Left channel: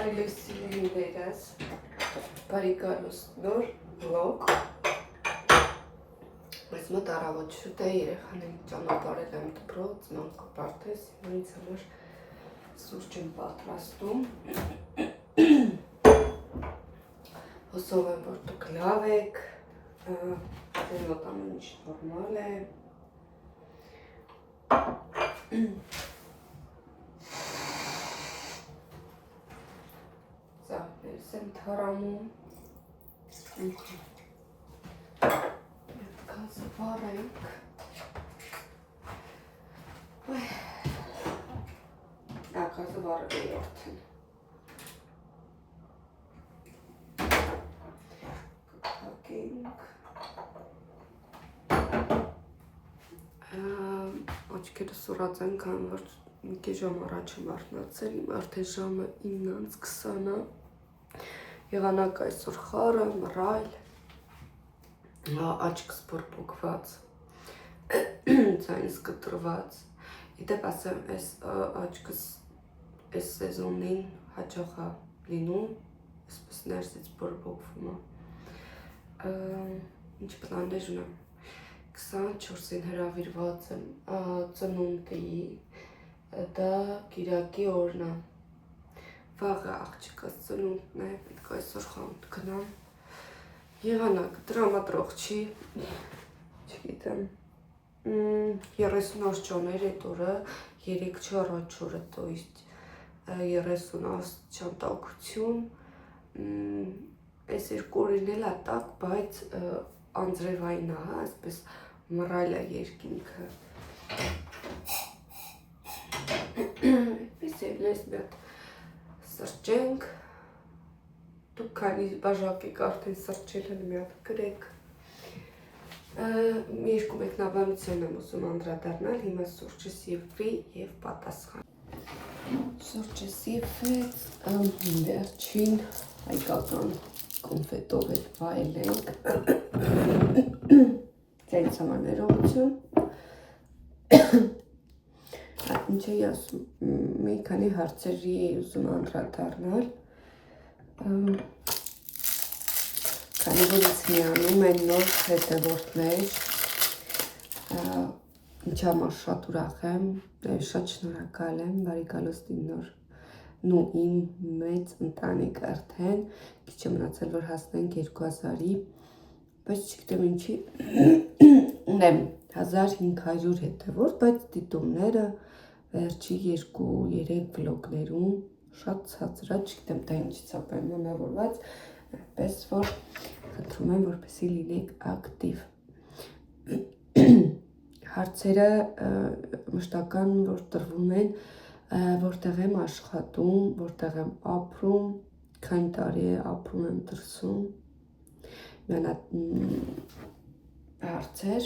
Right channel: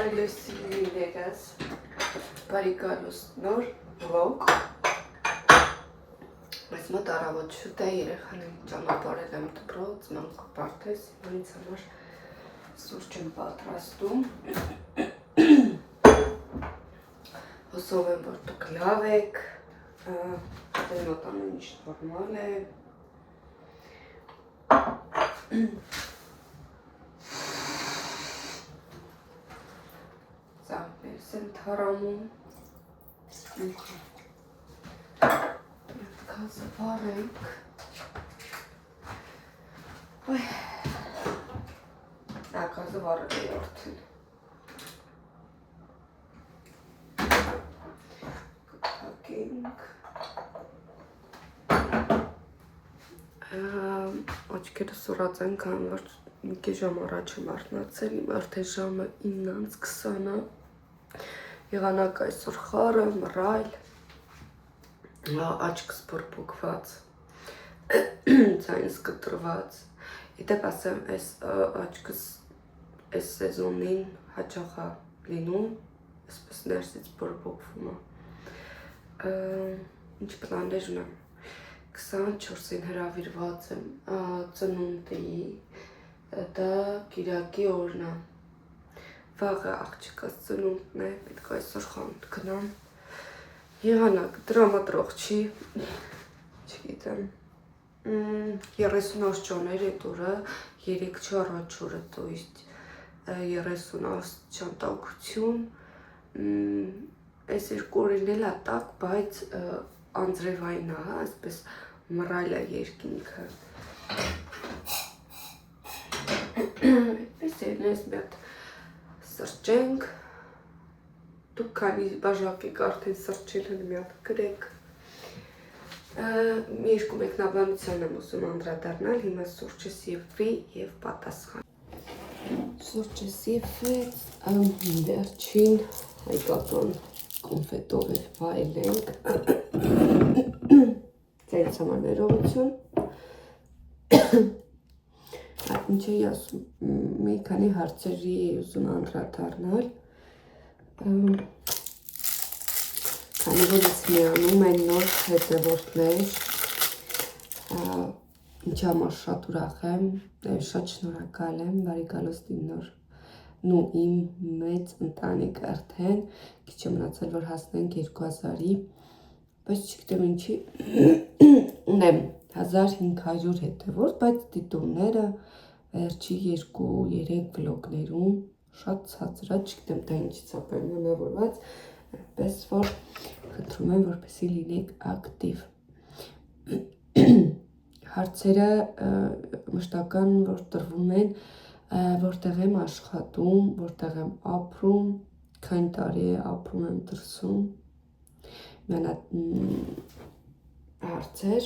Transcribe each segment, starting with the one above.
Բարելույսիներս, բարի գալուստ նոր վլոգ, բայց մոտ առավոտ շուտ է երեխաներին ճանապարհել եմ դպրոց, մանկը բարդես, ինձ համար սուրճ եմ պատրաստում, հուսով եմ, որ դուք լավ եք, ձեր մոտ ամեն ինչ նորմալ է, ծաղկներս եմ թարամում, կազը վարենք, կազը վարել է որդին, կտակենք, աչքերը սուրած են, կան որ մի կի ժամ առաջ եմ արթնացել, իմ արդեն ժամը 9:20-ը, եղանակ այսօր խառը, մռայլ, աչքս բորբոքված, ձայնս կտրված, իդեպ ասեմ, այս աչքս այս սեզոնին հաճախ է լինում, այսպես ներսից բորբոքվում է, ինչ պլաններ ունեմ, 24-ին հրավիրված եմ ծնունդի, դա կիրակի օրն է, վաղը աղջիկս ծնունդն է, պետք է այսօր խանութ գնամ, եղանակ տրամադրող չի, չգիտեմ, 30 ճոներ էդ օրը, 3 առաջ օրը, то есть 30 ճանտակություն, այս երկու օրին էլ է տակ, բայց անձրևային է, այսպես մռայլ է երկինքը, այդպես են այս մի հատ սրճենք, դուք քանի բաժակ եք արդեն սրճել են մի հատ գրեք, երկու մեկնաբանության եմ ուզում անդրադառնալ, հիմա սուրճը սիվվի և պատասխան։ Սուրճը սիվվեց, վերջին հայկական կոնֆետով էլ վայելենք, ձեզ համար ներողություն, ինչ էի ասում, մի քանի հարցերի ուզում անդրադառնալ, քանի որ ինձ միանում են նոր հետևորդներ, ինչ համար շատ ուրախ եմ, շատ շնորհակալ եմ, բարի գալուստ իմ նոր ու իմ մեծ ընտանիք արդեն, քիչ է մնացել, որ հասնենք 2000-ի, բայց չգիտեմ ինչի, ունեմ 1500 հետևորդ, բայց դիտումները վերջի 2-3 վլոգներում շատ ցածր է, չգիտեմ դա ինչից է պայմանավորված, այդպես որ խնդրում եմ, որպեսզի լինեք ակտիվ։ Հարցերը մշտական որ տրվում են, որտեղ եմ աշխատում, որտեղ եմ ապրում, քանի տարի է ապրում եմ դրսում, հարցեր,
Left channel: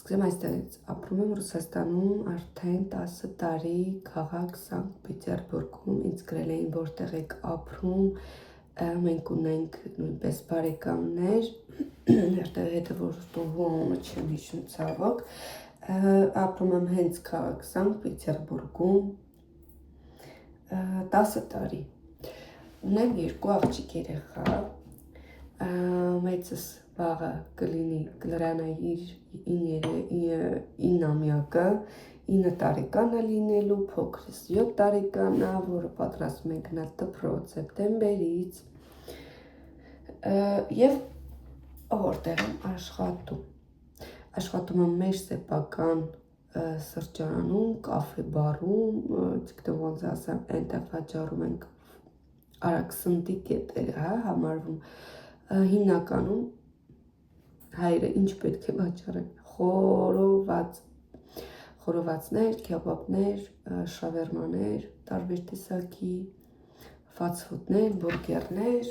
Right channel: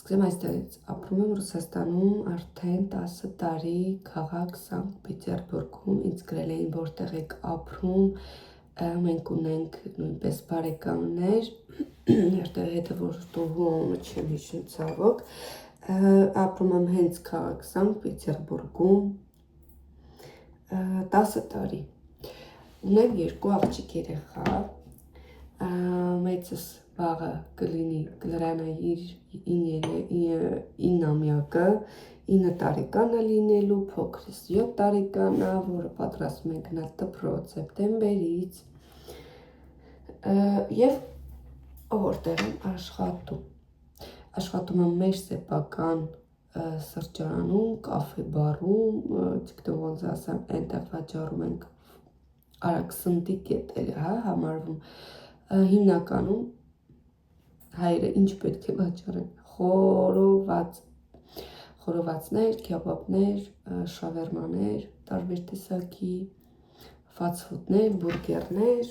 սկսեմ այստեղից, ապրում եմ Ռուսաստանում արդեն 10 տարի, քաղաք Սանկտ Պետերբուրգում, ինձ գրել էին որտեղ եք ապրում, մենք ունենք նույնպես բարեկամներ, որտեղ հետևորդողումը չեմ հիշում ցավոք, ապրում եմ հենց քաղաք Սանկտ Պետերբուրգում 10 տարի, ունեմ 2 աղջիկ երեխա, մեծս վաղը կլրանա իր 9-ամյակը, 9 տարեկան է լինելու, փոքրս 7 տարեկան է, որը պատրաստում ենք գնալ դպրոց սեպտեմբերից, և որտեղ եմ աշխատում, աշխատում եմ մեր սեփական սրճարանում, կաֆե բարում, չգիտեմ ոնց ասեմ, այնտեղ վաճառում ենք արագ սննդի կետերը, համարվում, հիմնականում հայերը ինչ պետք է վաճառեն, խորովածներ, քեբաբներ, շավերմաներ, տարբեր տեսակի, ֆասթֆուդներ, բուրգերներ,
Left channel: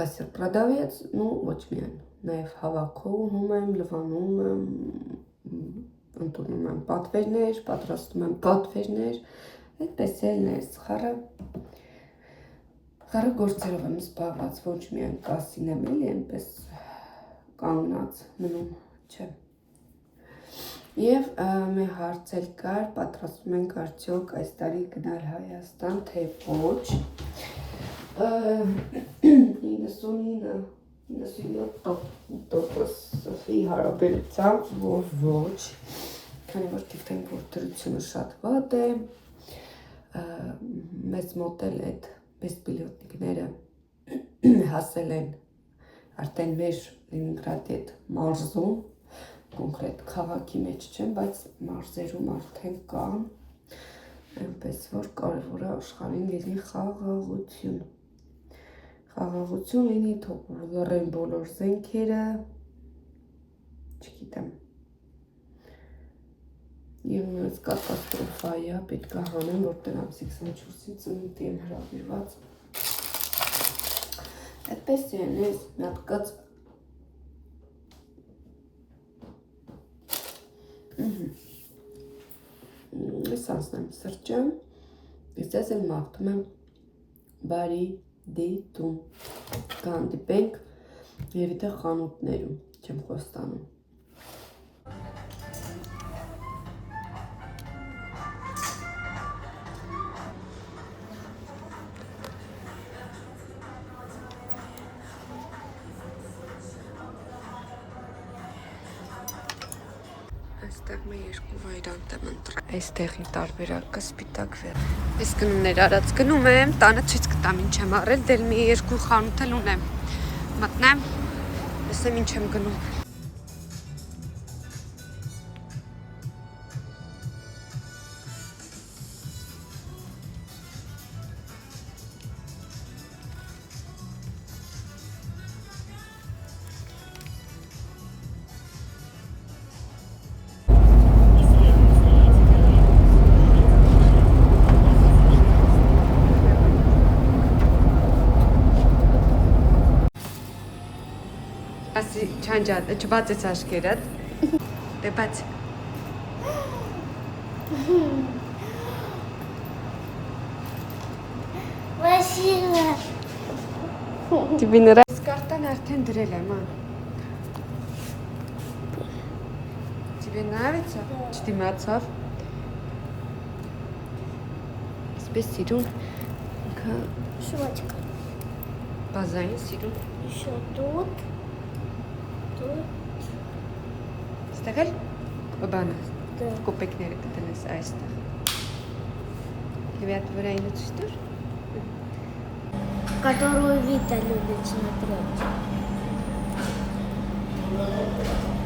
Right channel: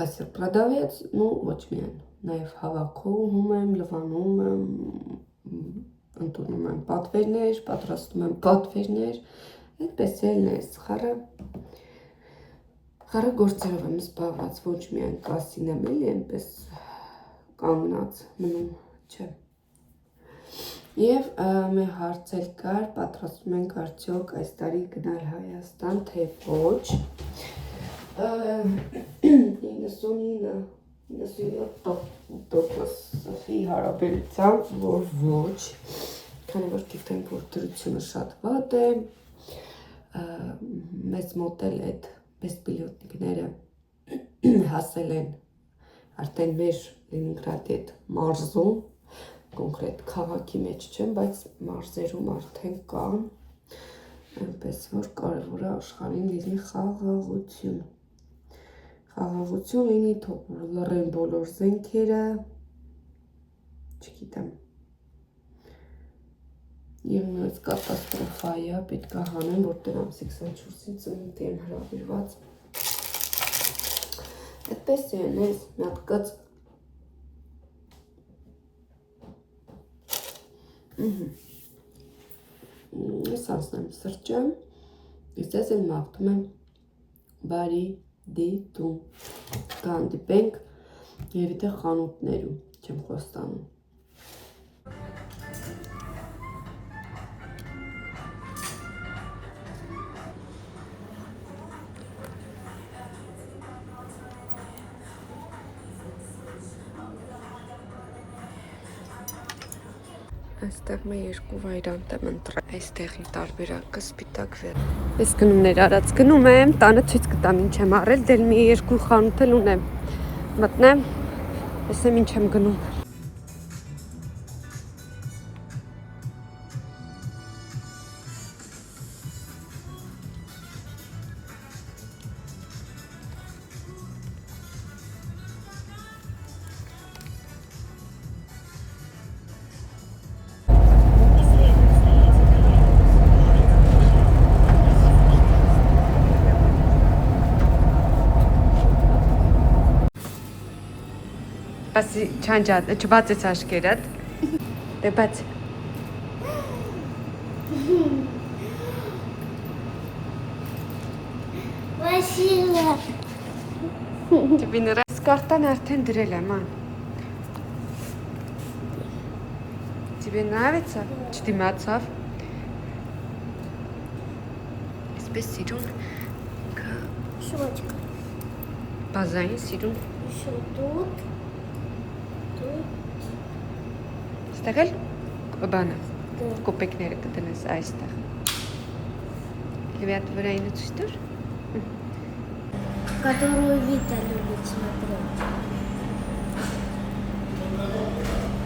կասեր պրադավец, ոչ միայն, նաև հավաքում եմ, լվանում եմ, ընդունում եմ պատվերներ, պատրաստում եմ պատվերներ, այդպես էլ ես խառը գործերով եմ զբաղված, ոչ միայն կասին եմ էլի, այնպես կանգնած մնում, չէ։ Եվ մեր հարցել կար, պատրաստում ենք արդյոք այս տարի գնալ Հայաստան, թե ոչ։ 99-97%-ի հարաբերությամբ, որ ոչ, քանի որ գիտենք, որ դրությունը շատ վատ է, մեծ մոտ էլ այդ բեսպիլյոտնիկները հասել են արդեն մեր Լենինգրադի այդ մարզում, կոնկրետ քաղաքի մեջ չեմ, բայց մարզերում արդեն կան, այնպես որ կարևոր է աշխարհին լինի խաղաղություն։ Խաղաղություն լինի, թող լռեն բոլոր զենքերը, չգիտեմ։ Եվ նույնպես կատաստրոֆա է, պետք է հանեմ, որտեղ ամսի 24-ին ծնունդի եմ հրավիրված։ Այդպես է, ես մի հատ կաց Ես անցնեմ սրճեմ, ես ձեզ էլ մաղթում եմ բարի դիտում, կհանդիպենք և իդե խանութներում, չեմ խոստանում։ Այստեղ մի երկու վայրանտ եմ ընտրել, այստեղի տարբերակը սպիտակ վեր։ Ես գնումներ արած գնում եմ, տանը ցույց կտամ ինչ եմ առել, դել մի երկու խանութ էլ ունեմ։ Մտնեմ, տեսնեմ ինչ եմ գնում։ Ասի չանջատ, չբացեց աշկերդ, դե բաց։ Спасибо. Тебе նրաս կարտան արդեն դրել եմ, Тебе нравится? Չդիմացավ։ Այսպես սիրուն, Щетка. բազային սիրուն։ Еще тут. Тут. Ստեղել բանը, Да. կոպեկները կտնես այստեղ։ Լիվիատ վրայինը ցույց տուր։ Которую Вита любит смотреть.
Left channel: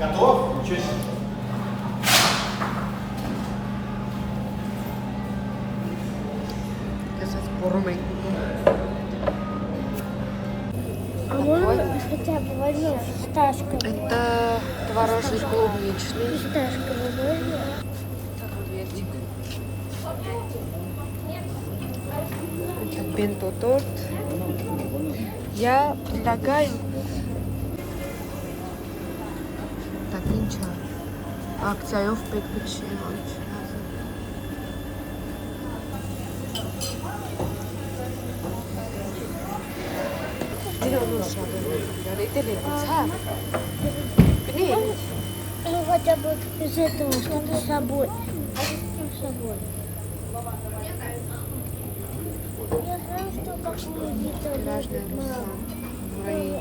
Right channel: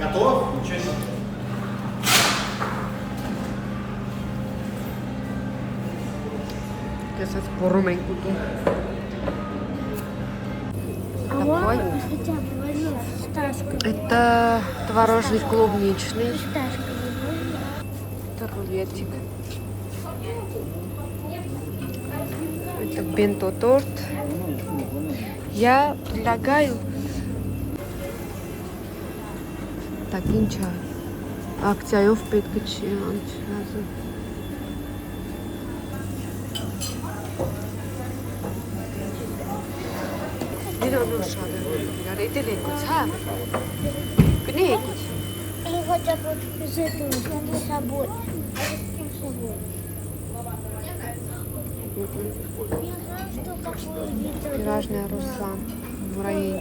Готов? Ничего себе. Տեսած բորում ենք ուտում։ Такой. Хотя бы возьми фисташковый. Это творожный клубничный. Фисташковый возьми. Это рулетик. Это бенто-торт. Я предлагаю... Так, ничего. Акцияով պետք է չի անցնազը։ Իրան շարել իրար, էդել եկուց, հա։ Կնի եկուց։ Или хотя бы из этого, чтобы с собой. С собой. Я знаю, что какую Вита Пирожная Руслан. Муравей.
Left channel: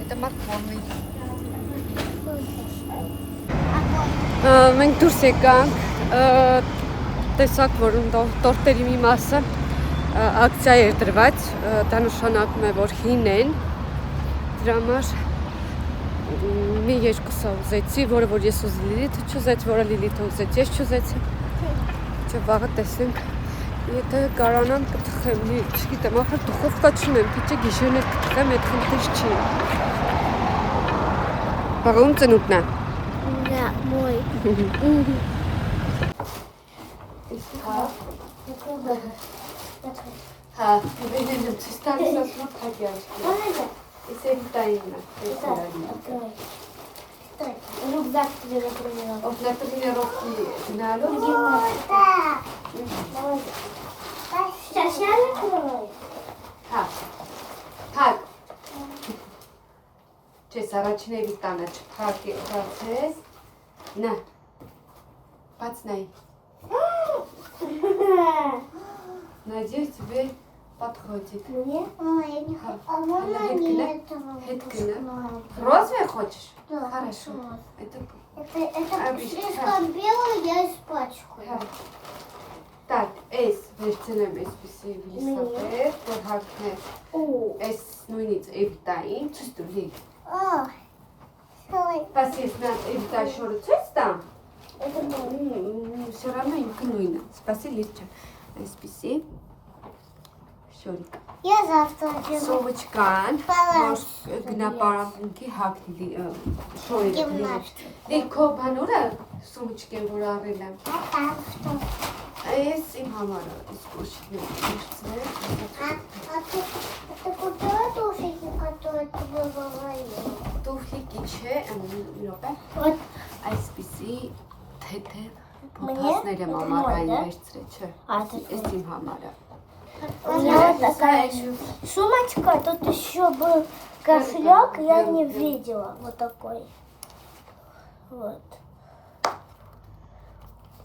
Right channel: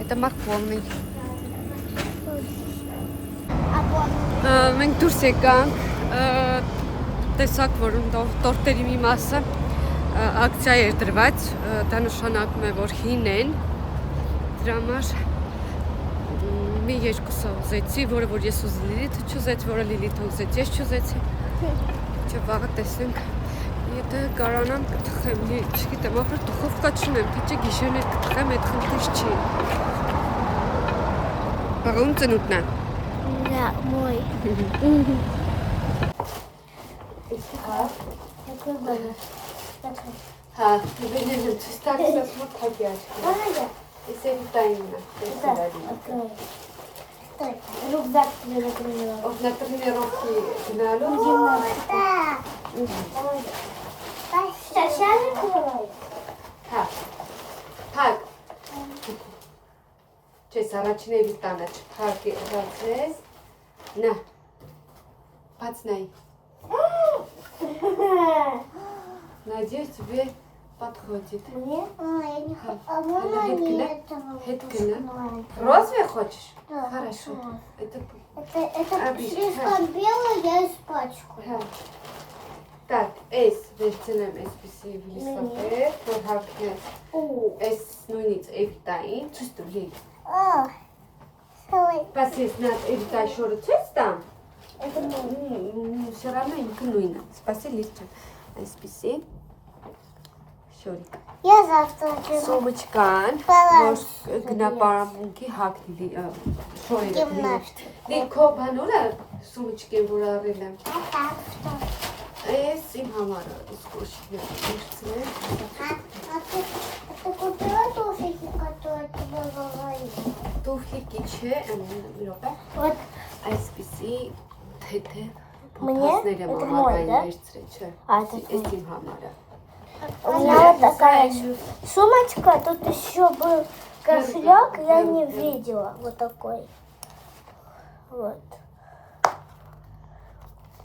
Это морковный. Մենք դուրս եկանք, տեսակ, որ տորտերի մի մասը ակցիա էր դրված, դա նշանակում է, որ հին են, դրա համար մի երկուսը ուզեցի, որը որ ես ուզի Լիլիթը չուզեց, որը Լիլիթը ուզեց, ես չուզեցի, չէ վաղը տեսենք, եթե կարանամ կթխեմ, չգիտեմ, ախր դուխովկա չունեմ, պիտի գիշերներ կթխեմ, այդ խնդիր չի։ Վաղում ծնուտն է։ Да, мой. Հա, վեդեն եմ ցույց տալիս, ասում եմ թակի աչքի։ Ես էդ տայինն է, տեսարարի։ Рюкзак тебе например. Ով նա տրիներովքի գնալու։ Сейчас я накрою. Հա, թակ։ Չես առաջին էվի տանը չթակի, հացես, На. Пацнай. Надеюсь, тебе подходит. Мне? Я не хочу. А Она можно не этого? Хиткина. Розовый хочешь? Да, Хорошо. хочу. Это... Это Обещаю. слишком белое, я испачкаю. Так, эս վերցնեմ այսպեսի վիլիսապետ, որ հագնես այս նույնից էվիտային, ցույց տուր լիք։ Բայց ես նա էվիտայի շորը ցույց տամ, все равно ինքը նույնն է, սպասի լիք ջան, այսպեսի շորիկ։ Я завтра приду. Սոմուչկան, որ գնա պարամունքի հագնի շորերը Գիմնաստիկ։ լիք քո բանուրը սոմուչկեն որ առել եմ։ А там что? Այս իմ համարը իսկ կոշիկները վերցրել։ А ты купила туфельки, которые ты говорила? Տուֆլիկի չէ, մի րոպե։ Вот. Այսպիսի թեթե Мне? փոփասներ եմ Это ամառային мой, да? վերցրել, չէ։ А, это Այս իմ համարը։ У меня вот такая сумочка, тут еще был кошелек, я не видела. Вот такой. Вот.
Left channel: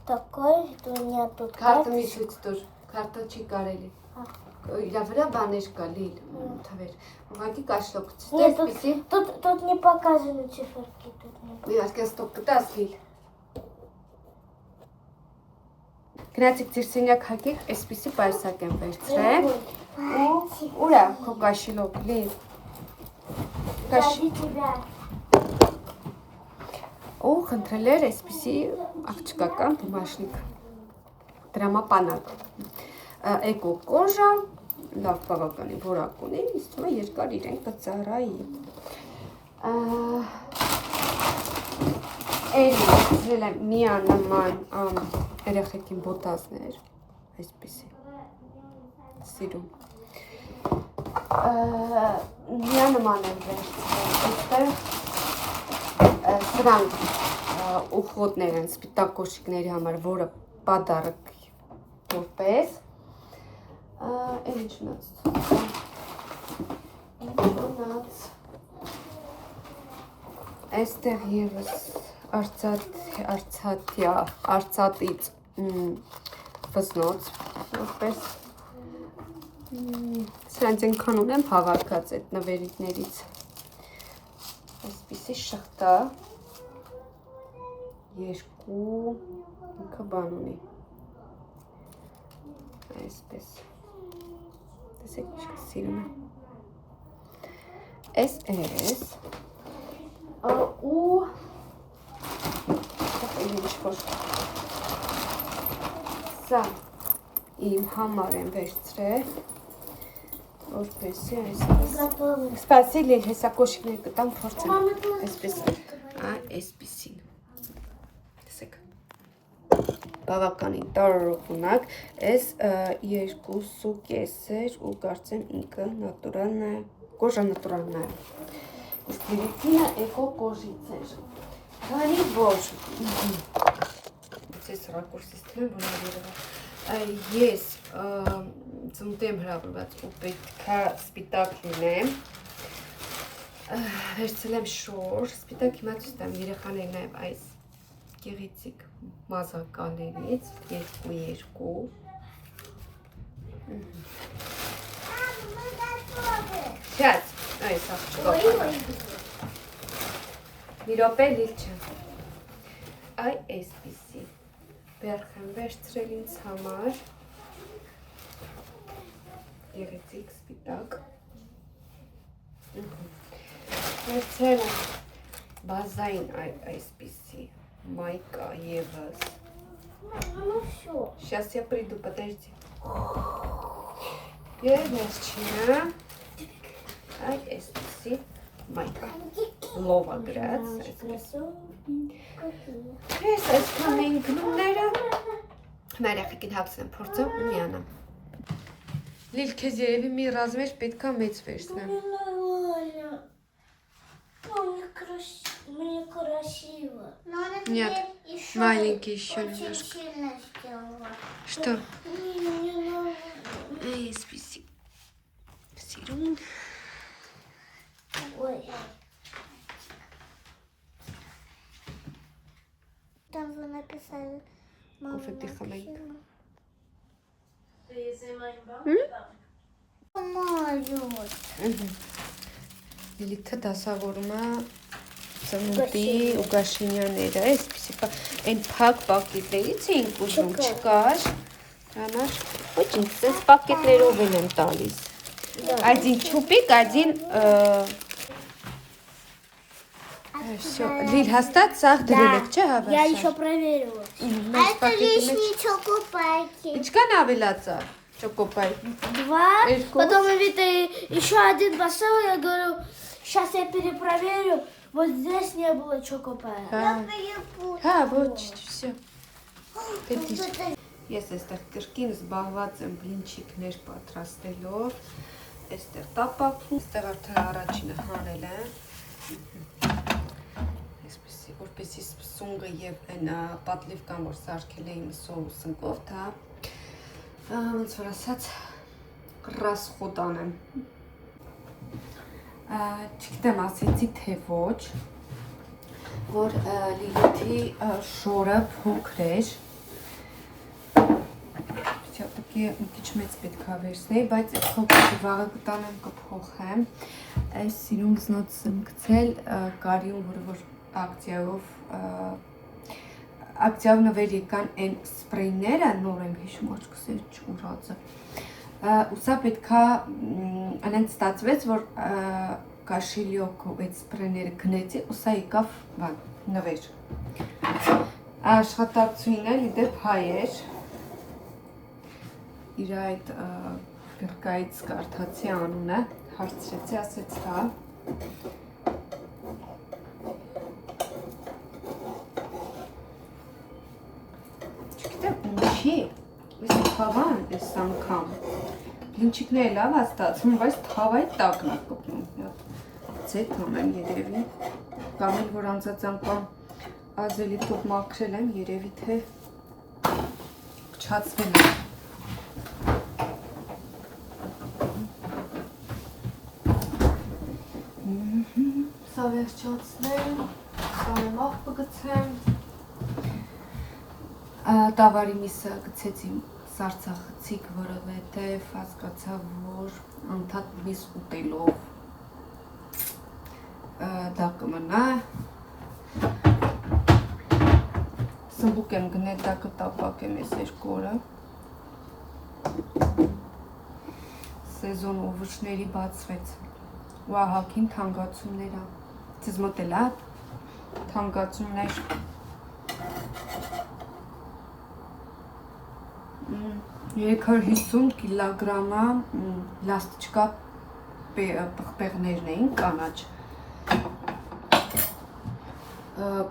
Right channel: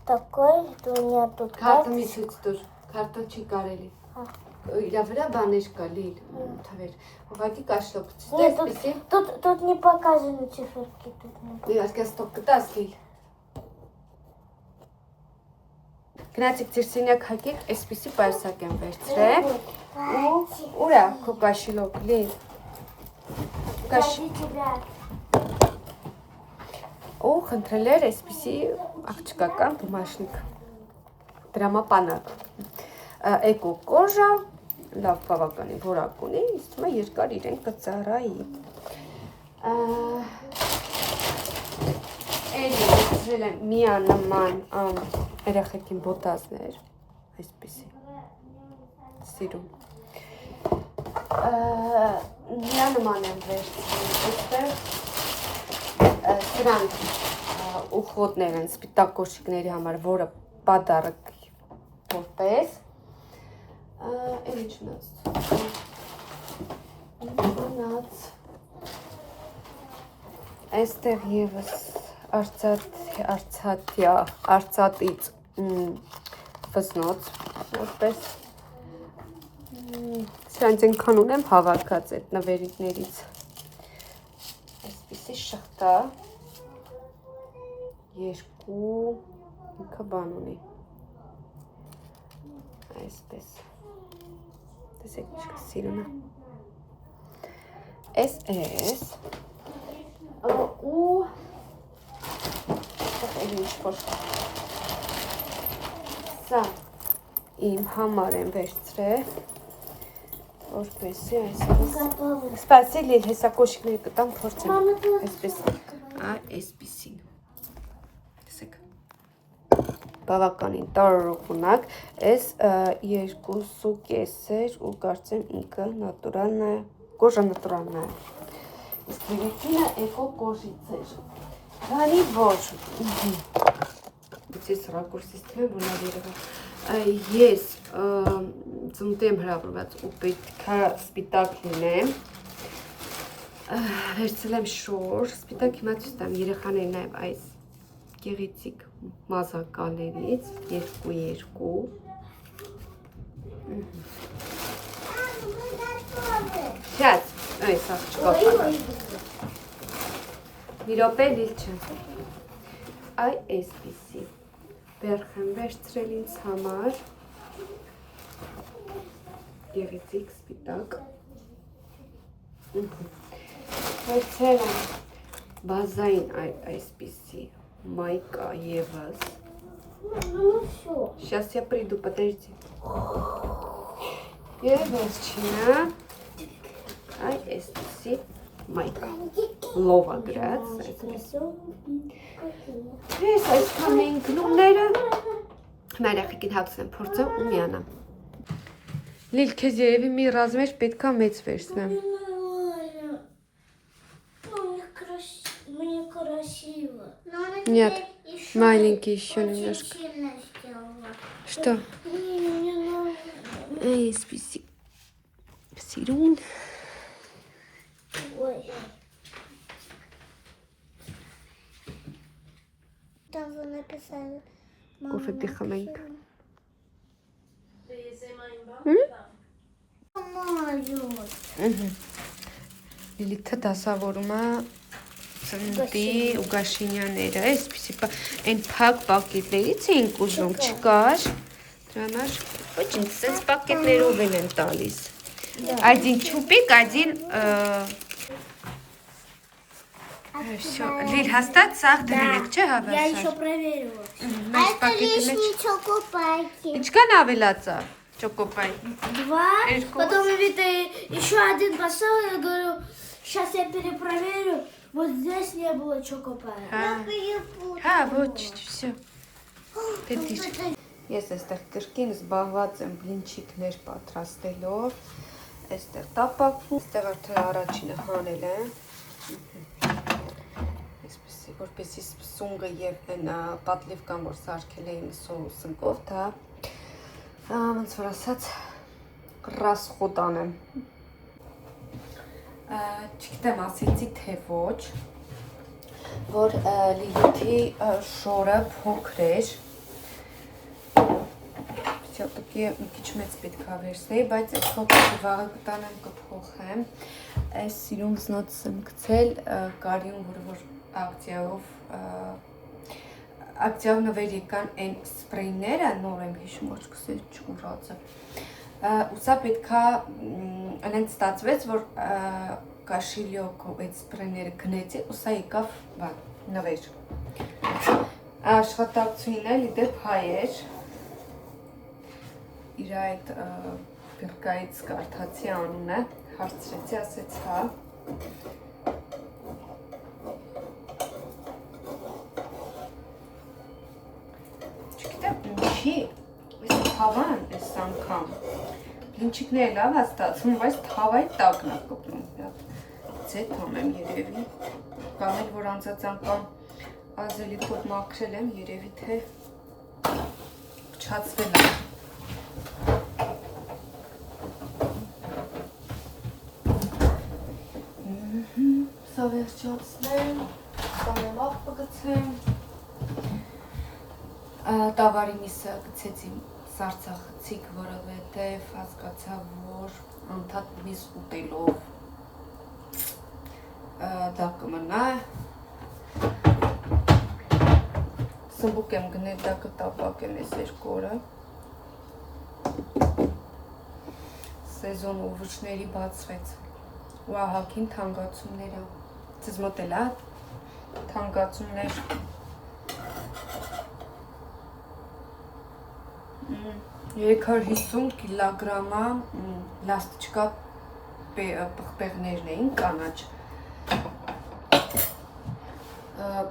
Такой, у меня тут Քարտը մի карточка. ցույց տուր, քարտը չի կարելի։ Իրա վրա բաներ կա լիլ, թվեր։ Ուղղակի կաշլոկից։ Нет, Այսպիսի։ тут не показаны циферки. Тут не... Իհարկե ստոպ կտաս լիլ։ Գնացիք ձեր սենյակ հագեք, այսպիսի պայուսակ եմ վերցրել։ Ուրա քո կաշիլոկ լիլ։ Ради тебя. Ու խնդրել էր այսպիսի աղջկական բումաժնիկ դրամապանակ էկո կոժա լավ բավականին որակ ունի իսկ մա երկար իրեն կծառայի էլի վերցրել եմ միանման երեխեքին բոտազներ այսպիսի սիրում միանման եմ վերցրել սրանք ուխոտներ են սպիտակ կոշիկների համար, որը պադարակ որպես էլ ինչնաց այստեղ ևս արծաթից վզնոց որպես սրանց ենքան ունեմ հավաքած այդ նվերիկներից այսպիսի շղթա երկու ինքը բան ունի այսպես տեսեք ինչքա սիրուն է այս ու ինչ-որ սա իմ համար եմ վերցրել որպեսի այսպես սպասի լիլ հեսա կոշիկներ կտամ փորձեմ այսպես այսպեսին տեսեք բավականին տարօրինակ այս 2.5 էր ու կարծեմ ինքը նատուրալն է կոժա նատուրալն է իսկ երեքինը էկո կոժից էր քանի որ ես ռակուրսից տվեմ որ լավ երևա ես ծնուտի եմ հրավիրված ու պետք է սպիտակ լինեմ վերցրել եմ շոր սպիտակ հիմա ցույց տամ երեխաներին նաև այս գեղեցիկ մազակալներից երկու շատ այս աղջկա մի րոպե լիլ չէ այ այսպիսի բերխ եմ վերցրել ինձ համար գեղեցիկ սպիտակ վերցրել եմ բազային այսպիսի майка ևս сейчас я приду подожди եւ վերջինը այ այսպիսի майка լովա գրած այսպես Ես այսքան էին գնումները մայրախիկին հագցնեմ, փորձեմ ու միանամ Լիլ, քեզ երևի մի ռազմեր պետքա մեծ վերցնեմ Мне красиво. Нет, маленький еще немножко Что? Эй, списи Сирун Ой. Там вы написали Кофе ты хомենք։ Լիլիթը դասավորում է ծնունդի ու գաշինյաները, այսպիսի այն փակ պակետներից էինք ուզում, չկար, դրանալ, ոչ ինձ սենց պակետներով են տալիս, один чупик, один, Лиль, հաստատ սաղ դրել եք, չէ հավասար։ Я еще проверила. А это лишние чокопайки. Ինչքան ավելացա չոկոպայ։ 2. Потом еще один поставил, я говорю, сейчас я перепроверю. Вот здесь не было чокопая. Հա, ոչ, всё։ Պետք է։ Ես այստեղ կրկին զբաղված եմ բլինչիկներ պատրաստելով։ Այստեղ տապակվում, այստեղ արդեն առաջինը հանել եմ։ Այսպեսի, որպեսզի սունգը եւ այն պատլիվկան, որ սարքել էին սոուսնկով, դա ոնց որ ասած ռասխոտ անեմ։ Չգիտեմ, ասեցի թե ոչ, որ Լիլիթի շորը փոքր էր։ Все-таки մի քիչ մեծ պետք է վերցնեի, բայց փոքր վաղը կտանեմ կփոխեմ։ Այս սիրուն զնոցս եմ գցել կարիում, որ ակցիայով նվեր եկան այն սպրեյները, նոր եմ հիշում, աչքս չուրացը։ Ու սա պետքա անենց ստացվեց, որ կաշիլյոկով այդ սպրեյները գնեցի, ու սա եկավ նվեր։ Աշխատակցուին էլ դեպ հայ էր։ Իր այդ գրկայից կարդացի անունը, հարցրեցի, ասեց հա։ Չգիտեմ, ինչի, ես թավան ես անգամ, բլինչիկները լավ է ստացվում, բայց թավայի տակն է կպնում, ձետ համեմ երևի, կամ էլ որ անցած անգամ ազելի տող մաքրել եմ, երևի թե փչացվել է։ Սա վերջացնեմ, սամեմ աղ պգցեմ, տավարի միսը գցեցի սարցախցիկ, որովհետև հասկացա, որ անդադ միս ուտելով դա կմնա, սմբուկ եմ գնել, դա կտապակ եմ ես երկու օրը, սեզոն ուվուճների բացվեց, ու ահակին թանգացումներ է, ձեզ մոտ էլ է թանգացումներ, 350 կիլոգրամա լաստիճկա պղպեղներն էին կանաչ,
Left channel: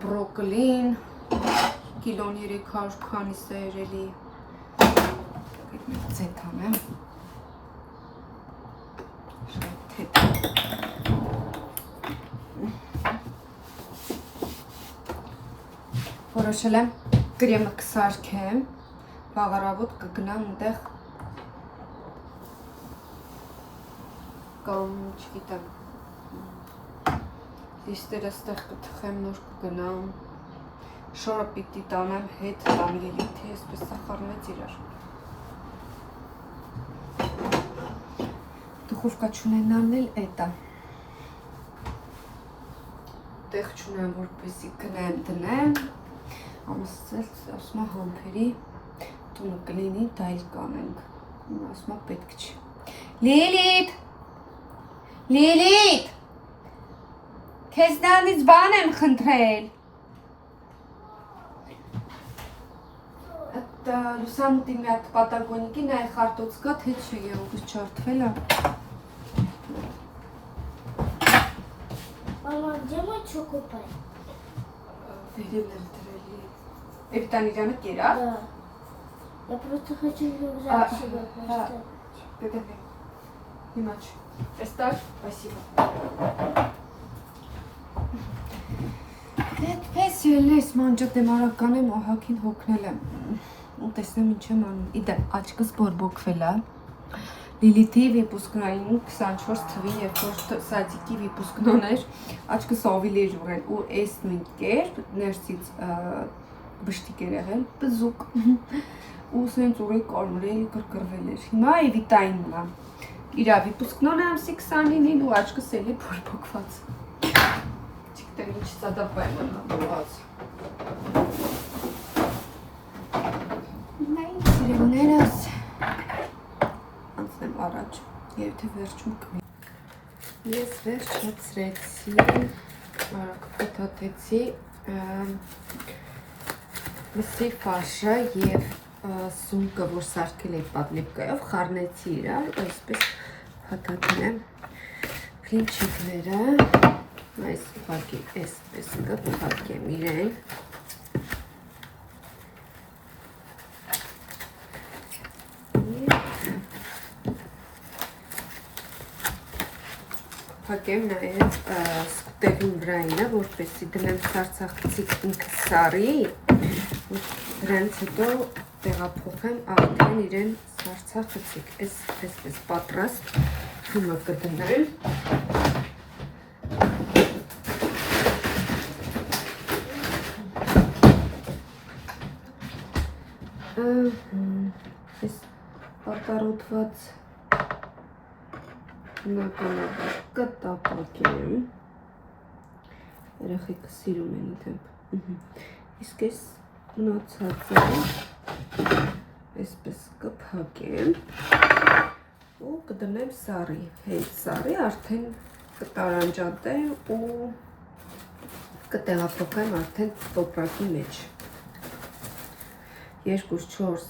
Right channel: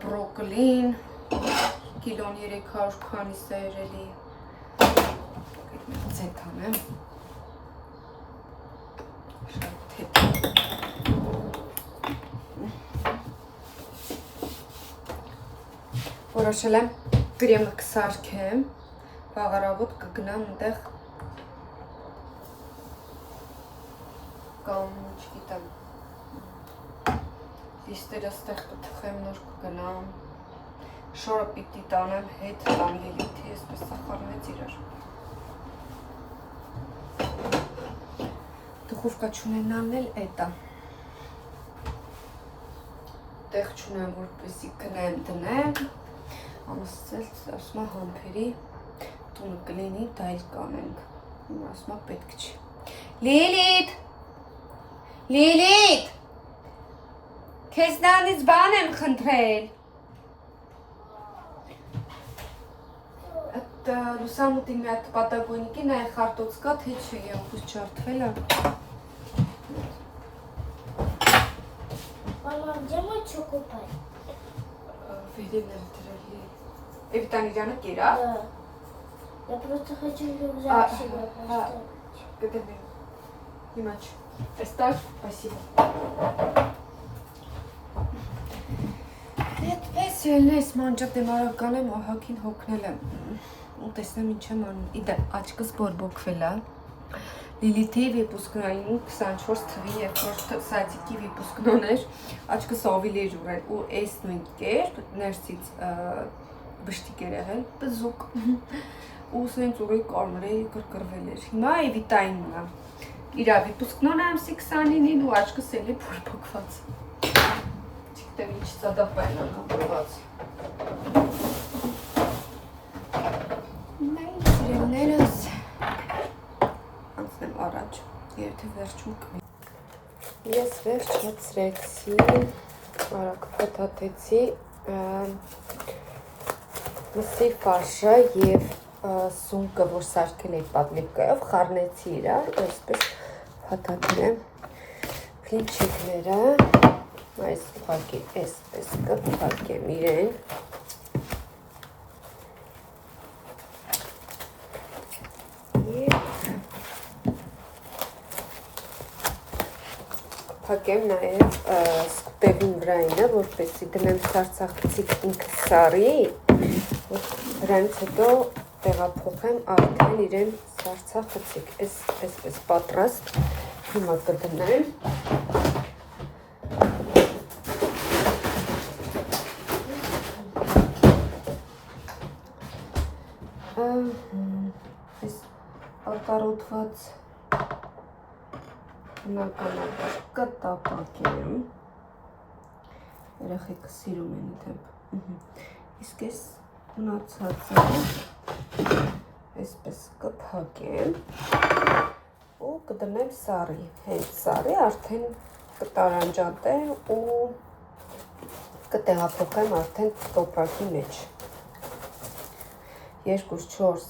բրոկլին, կիլոն 300 քանիս է երելի, ձետ անեմ, որոշել եմ կրեմը կսարքեմ, վաղարավոտ կգնամ ընդեղ կամ չգիտեմ լիստերը ստեղ կթխեմ նոր կգնամ շորը պիտի տանեմ հետ տամ Լիլիթի այսպես սախարնեց իրար դուխովկա չունենան էլ էտա տեղ չունեմ որպեսի գնեմ դնեմ ամսել ասմա համպերի տունը կլինի դա էլ կանենք, ասմա պետք չի։ Լիլիթ, Լիլիթ, քեզնանից բան եմ խնդրել։ Լուսամուտի մի հատ պատագոնիկի նայ խարտոց կա, թե չէ ուղղս չարդվել է։ Мама, где мой чокопай? Վերել եմ դրելի։ Էվտանիրյանը կերա։ Да. Я просто хочу рюкзак себе поставить. Գտեվի, հիմաչ, էստար, спасибо։ Պես ելնես մանջատեմ արական եմ ահակին հոգնել եմ, ու տեսնեմ ինչ եմ անում, իդե աչկս բորբոքվել է, Լիլիթի վիպուսկնային 24 թվի երկրորդ սադիկի վիպուսկնոն էր, աչկս ավիլ էր ուրել ու այս նույն կերպ ներսից բշտիկ էր եղել, բզուկ։ Ու սենց ուղի կորմրել, կրկրվել էր։ Հիմա էվիտային մա։ Իրավի պուսկնոն ամսի 29-ին ու աչկս էլի փորփոքված։ Չգիտեմ ինչ ծադապային ամրված։ Նայ սիրելներս։ Անցնեմ առաջ, եթե վերջում կմի։ Ես վերջացրեցի, արագ փոթաթեցի մսի ֆարշը և սունկը, որ սարքել էի պատլիպկայով, խառնեցի իրար, այսպես փաթաթնեմ փլինչիկները, այս ուղղակի այսպես կփակեմ իրեն, փակեմ նաև սկուտեղին վրայինը, որպեսզի դնեմ սարցախցիկ ինքը սարի, վրանից հետո տեղափոխեմ արդեն իրեն սարցախցիկ, այսպես պատրաստ, հիմա կդնեմ, այս արտարոտված բնականաբար կտապակեմ, երեխեքը սիրում են իդեպ, իսկ այս մնացածը այսպես կփակեմ ու կդնեմ սարի, հենց սարի արդեն կտարանջատեմ ու կտեղափոխեմ արդեն տոպրակի մեջ, 2, 4,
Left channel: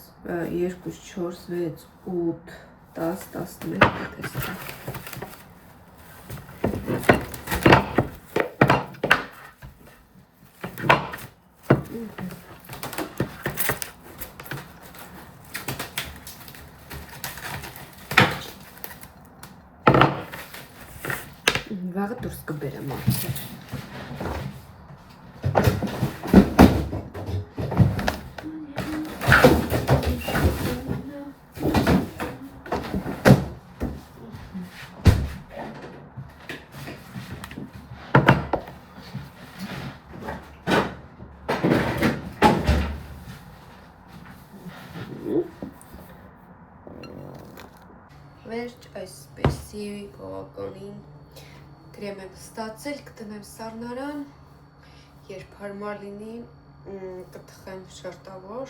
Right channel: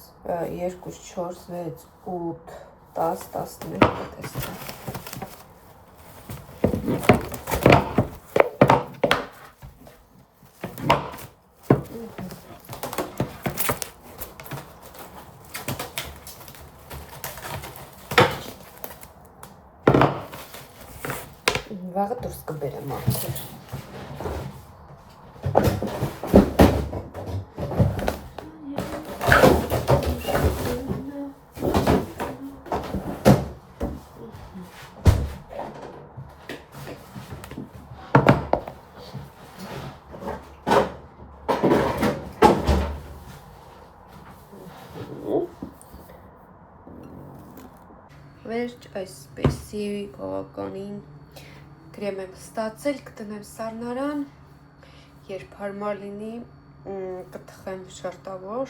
6, 8, 10, 11 տեսցեմ, վաղը դուրս կբերեմ արդեն։ Վերջ այսպեսի գողականին Կրեմ եմ ստացել, կտնեմ սառնարան, երբ հարմար լինի, կթխեմ շերտավոր,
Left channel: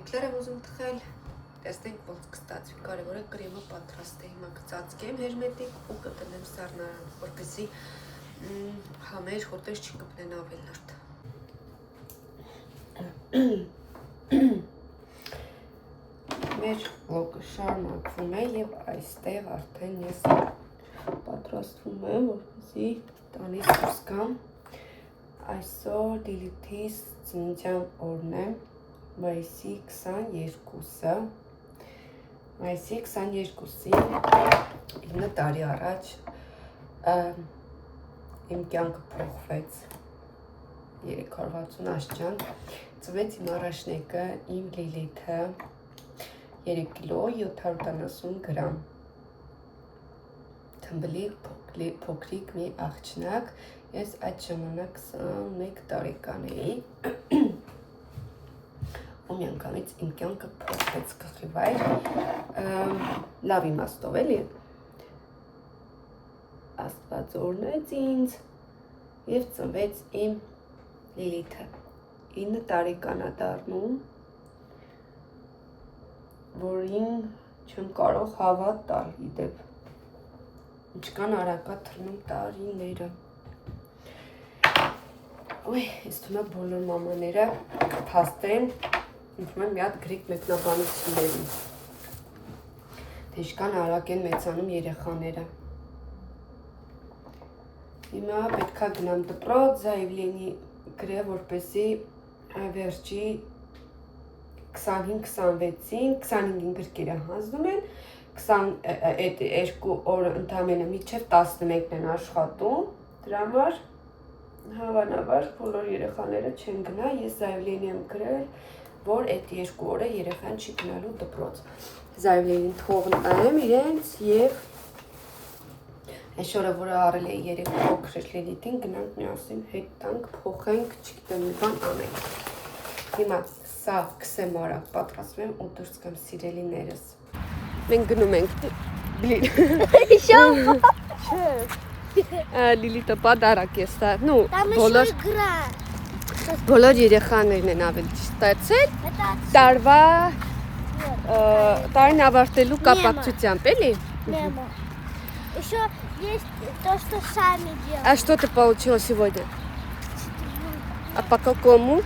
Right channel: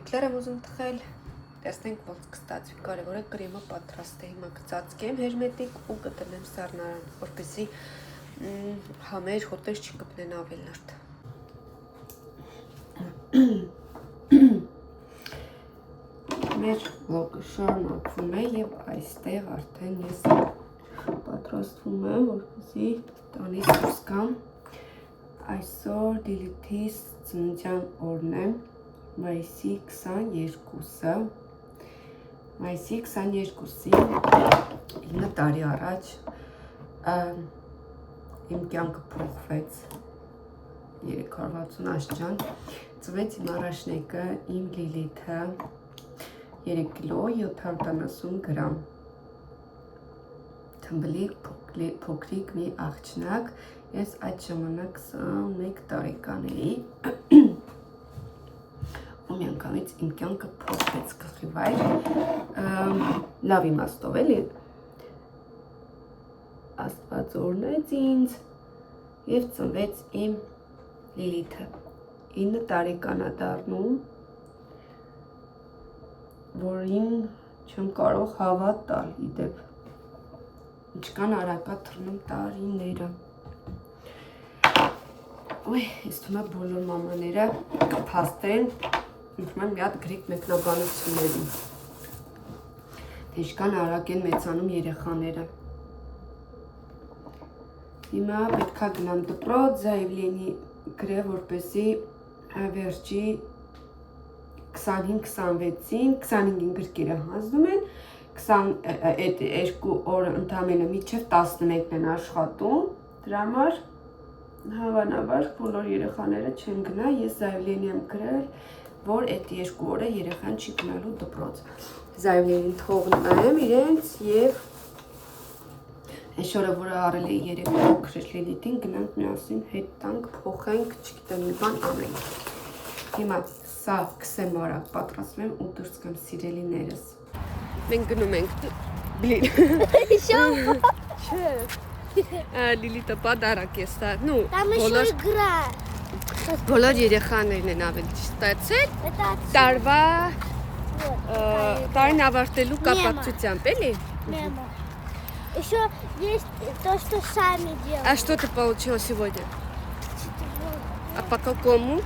էկլեր եմ ուզում թխել, տեսնենք ոնց կստացվի, կարևոր է կրեմը պատրաստ է, հիմա կծածկեմ հերմետիկ ու կտնեմ սառնարան, որպեսզի համեր հոտես չկպնեն ավելարդ։ Մեր վլոգը շարունակվում է և այստեղ արդեն ես պատրաստվում եմ, որպեսզի տանից դուրս գամ, այսօր Լիլիթիս ծննդյան օրն է, մայիսի 22-ը, մայիսի 22-ին 9 տարի առաջ իմ կյանքը փոխվեց 360 աշճան, ծնվեց իմ առաջնեկը, իմ Լիլիթը, 3 կիլո 770 գրամ, թմբլիկ փոքրիկ մի աղջնակ, ես այդ ժամանակ 21 տարեկան էի, ու միանգամից իմ կյանքը փոխվեց գլխիվայր, լավ իմաստով էլի, Աստված օրհնեց ինձ և ծնվեց իմ Լիլիթը, 9 տարեկան է դառնում, որին չեմ կարող հավատ տալ իդեպ, ինչքան արագ է թռնում տարիները, ես թվում է բոլոր մամաները կփաստեն, ինքն մի հատ գրիկ մեկնաբանությունների, թե ինչքան արագ են մեծանում երեխաները, հիմա պետք է գնամ դպրոց, զայվլենի գրե, որպեսզի վերջի 25-26-ին, 25-ին գրքերը հանձնում են, այդ 2 օրը ընդամենը մինչև 11-ն են աշխատում, դրա համար հավանաբար բոլոր երեխաները չեն գնա, ես Զայվլենի եմ գրել, որ այդ 2 օրը երեխան չի գնալու դպրոց, Զայվլենին թողնեմ իրենց և այս օրը, որը արել է 3 փոքր Լիլիթին, գնանք միասին հետ տանք, փոխենք, չգիտեմ մի բան անենք։ Հիմա սա կսեմ արագ պատրաստվեմ ու դուրս գամ սիրելիներս։ Մենք գնում ենք Լիլիթը պատարակ է ստա։ Ну, բոլոր երեխաներն են ավելի ստացել։ Տարվա տարին ավարտելու կապակցությամբ, էլի։ Мама. Еще есть то, что сами делают. А что ты получила сегодня? А по какому?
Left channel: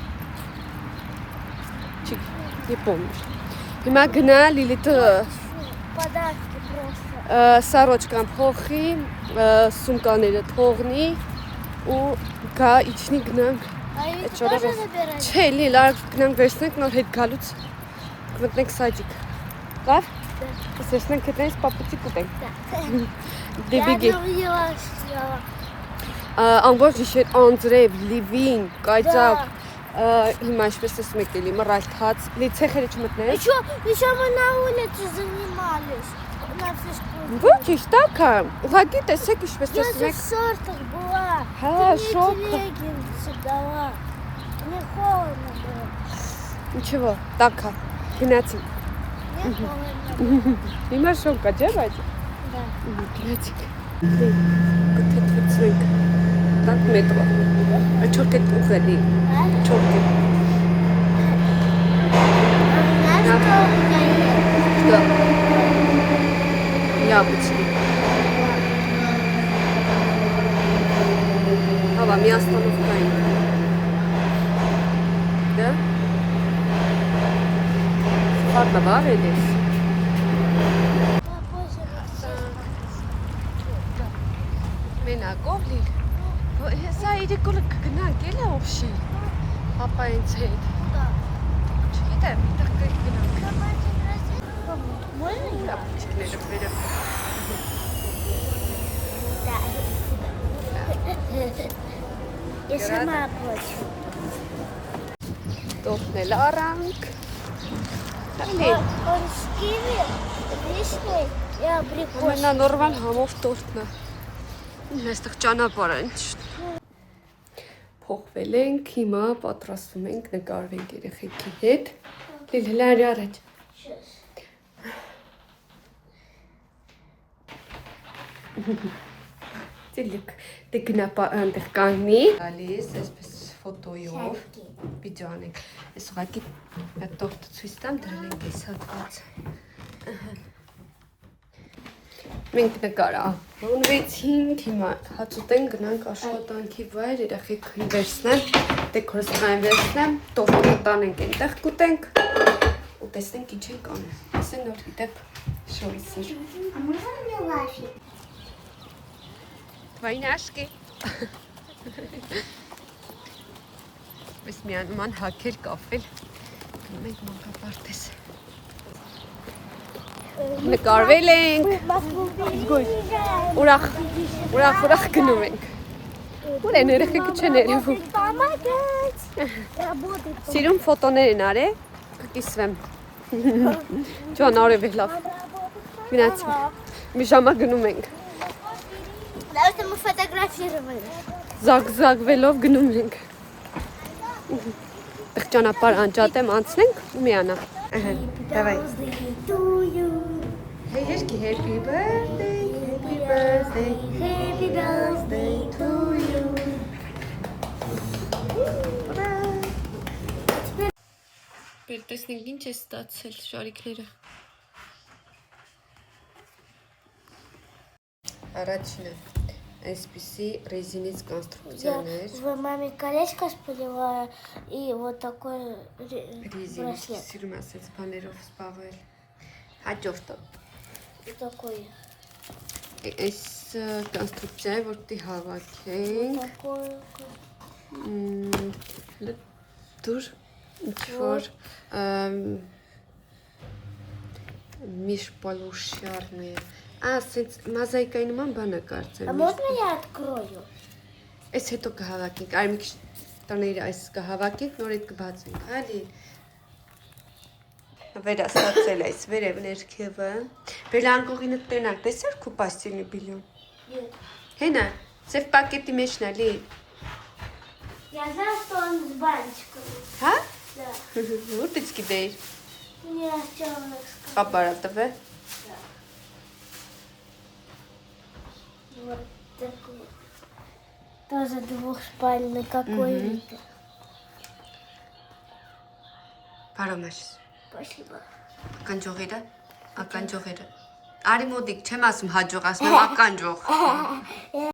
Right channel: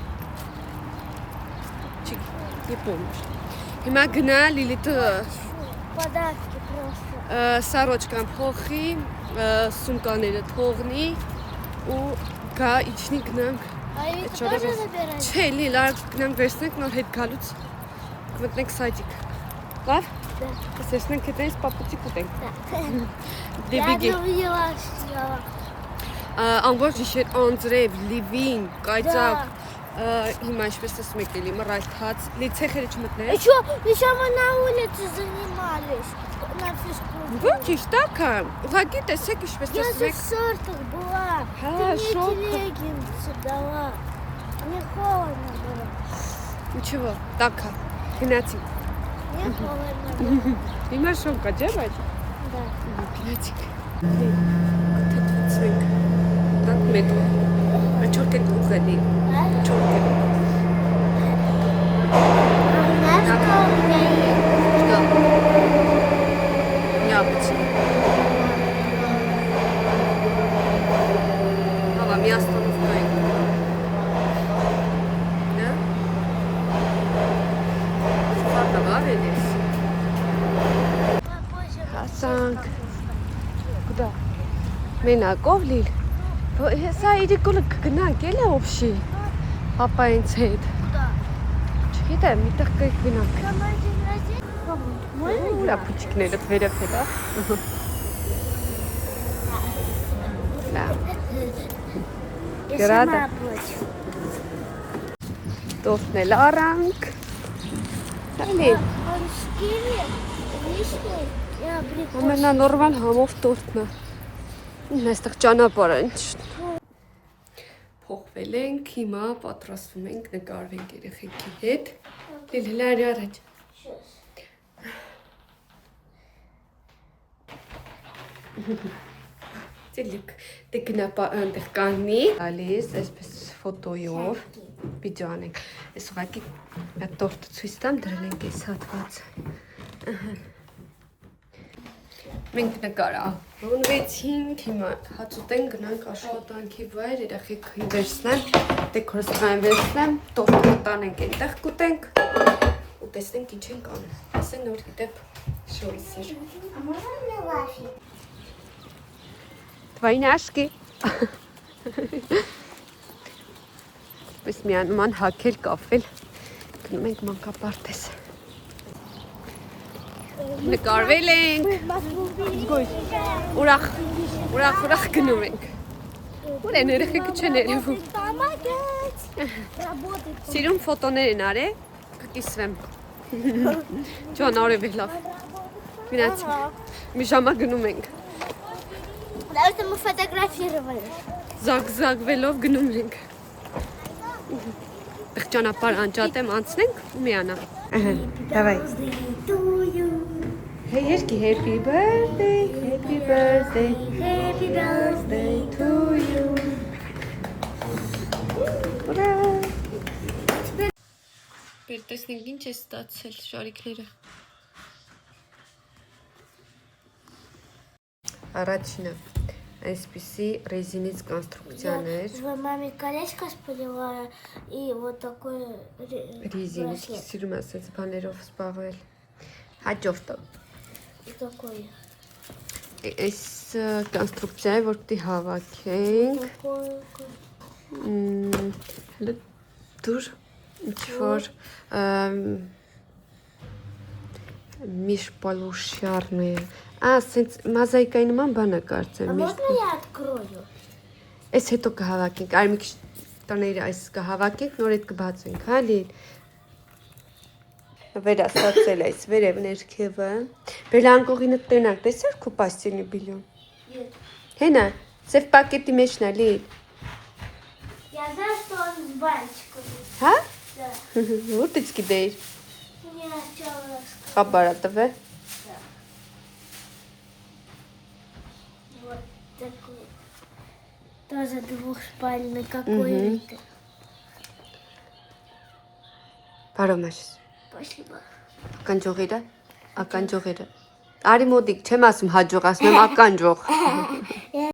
Не помнишь. Հիմա գնա Լիլիթը Подарки просто. սարոջկան փոխի, սումկաները թողնի ու գա իջնի գնանք։ А их Что тоже раз? забирать? Չէ, լիլա գնանք վերցնենք նոր հետ գալուց կմտնենք սայդիկ։ Լավ։ Տեսնենք թե տես պապուծիկ ուտենք։ Да. Դեբիգի։ Я не увидела, съела. Ամբողջ գիշեր անձրև, լիվին, կայծակ, հիմա այսպես ասում եք էլի մռայլթած, լի ցեխերը չմտնես։ Еще мы на улице занимались. На физкультуре. Ոչինչ, տակա։ Ուղղակի տեսեք ինչպես Я տեսնում же եք։ в шортах была. Հա, շոկ։ Леггинсы дала. Мне холодно было. Ինչու՞, տակա։ Գնացինք։ Мне холодно было. Հիմա շոկ կա, չէ՞ բայց։ Да. Գնացինք։ Կթեթվեցինք։ Տակ մետրո։ Չորքետ ուղղելի։ А? Չորքետ։ А у нас холодно. Что? Яблочки. Ава, ми остановка ենք։ Да? Ладно, варились. Попозже Ասանք։ Կուտա։ Մենակով լիլ։ Հեսա իրիկոլը կգնանք էլի օբշի։ Պապայինց հետ։ Да. Չգիտեմ, միտեղ կգնանք։ Сама день рождения. Можно я? Ապուչիկները վերև հետա։ Я Рада? сама плачу. Տորտնել առանք։ Он с киви, вишней и абрикосом. Ամենանորմալ համով տորտն է։ Այստեղ ճանապարհ են։ Փոխվել ենք, հիմա պատրաստվում ենք նկարվենք երեխեքի հետ։ Լիլի առաջ։ Сейчас. Ցելիկ դեկնապա այնտեղ կանի։ Ալիս, այսպես ֆոտոյով վիդեո անենք։ Այս ուղղակի տորտը ցույց տամ դրել ենք այս հատվածը։ Մենք նկարա ոնվեցինք, հիմա հաճուտեն գնանք աշխատանքի վայր, երեխեքին վերցնեմ, դեկորացիան վերցնեմ, տորտը տանենք այնտեղ կուտենք ու տեսնենք ինչ ենք անում։ Ասեն նոր դեպ շոյսեր։ А можно мне вафель? Твои няшки։ Պես միանում հակել կաֆել, գնում ենք մանկապարտեզ։ Նկարվել ենք, ուրախ գնում ենք։ Ուր են երեխեքը չեն երևում։ Помогать. Работает. Սիրուն ֆոտոներ են արել, կկիսվեմ։ Ջան արև է լավ։ Գնացինք, մի ժամա գնում ենք։ Потому что мы фотографировали. Զագվելով գնում ենք։ Տեղ ճանապարհ անջատեմ, անցնենք ու միանա։ Давай. To you. Hey, Eshki, happy birthday, happy birthday, Happy birthday to you. Ուրա։ Պետք տեսնենք ինչ է ստացել շարիկները։ Առաջինը այսպիսի ռեզինից կոնստրուկցիաներ, В маме колечко спалила и вот такой ռեզինից браслет. սիրում ասած բաներով սպավել։ Հաջորդը И такой. այս կոնստրուկցիայի որ պիտի հավաքենք, Такой. դուր ինչ որ միշպալուշյարն է։ Ասենց մազայկայի նման բան է կարծեմ։ А можно я открою? Այս հետո կհավաքենք, այլ մի քիչ տները այս կհավաքենք, նոր այդ կբացենք, հա լի։ Վերաստացել այս վերև ներքևը։ Բելանգողինը տենակ, տեսար քո պաստիլի բիլյոն։ Нет. Հենա, սև պակետի մեջն է լի։ Я знаю, что он с бантиком. Հա։ Որտե՞ց գիտեիր։ Мне отец Խաբարա տվե։ вот такой. Тоже двухспальный какой-то. Բարոմես։ Спасибо. Ականջողի դա։ Ականջողի դա։ Արի մոդիկ չեմ ասում հաջող, ասում եմ ականջող։